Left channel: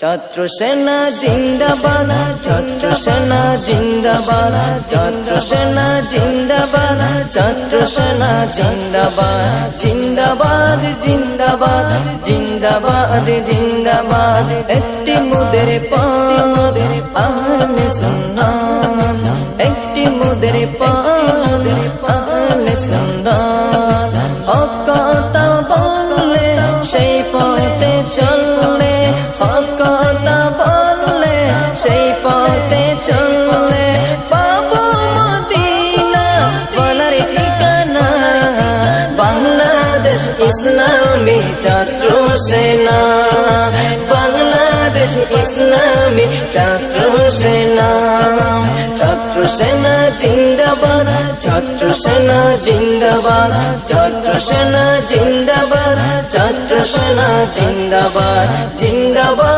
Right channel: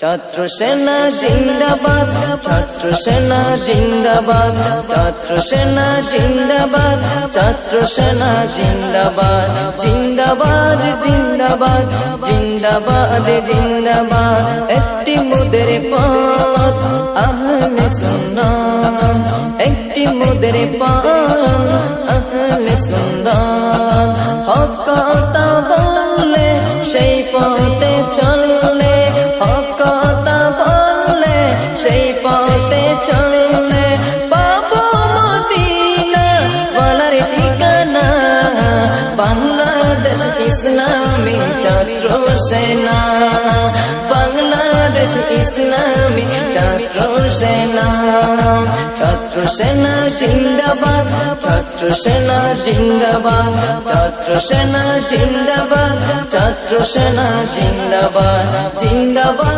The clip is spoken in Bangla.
ছাত্র সেনা জিন্দাবাদ, ছাত্র সেনা জিন্দাবাদ, ছাত্র সেনা জিন্দাবাদ, ছাত্র সেনা জিন্দাবাদ জিন্দাবাদ জিন্দাবাদ জিন্দাবাদ জিন্দাবাদ। একটি মুদের পথ, আহলে সুন্নান একটি মুদের পান আহলে সুন্নান হক বললে সেই পথে সেই পথে চললে পাবো মদিনা, বলার ঠিকানা। বাংলাদেশ ইসলামী ছাত্র সেনা। বাংলাদেশ ইসলামী ছাত্র সেনা। ছাত্র সেনা জিন্দাবাদ, ছাত্র সেনা জিন্দাবাদ। ছাত্র সেনা জিন্দাবাদ, ছাত্র সেনা জিন্দাবাদ। জিন্দাবাদ।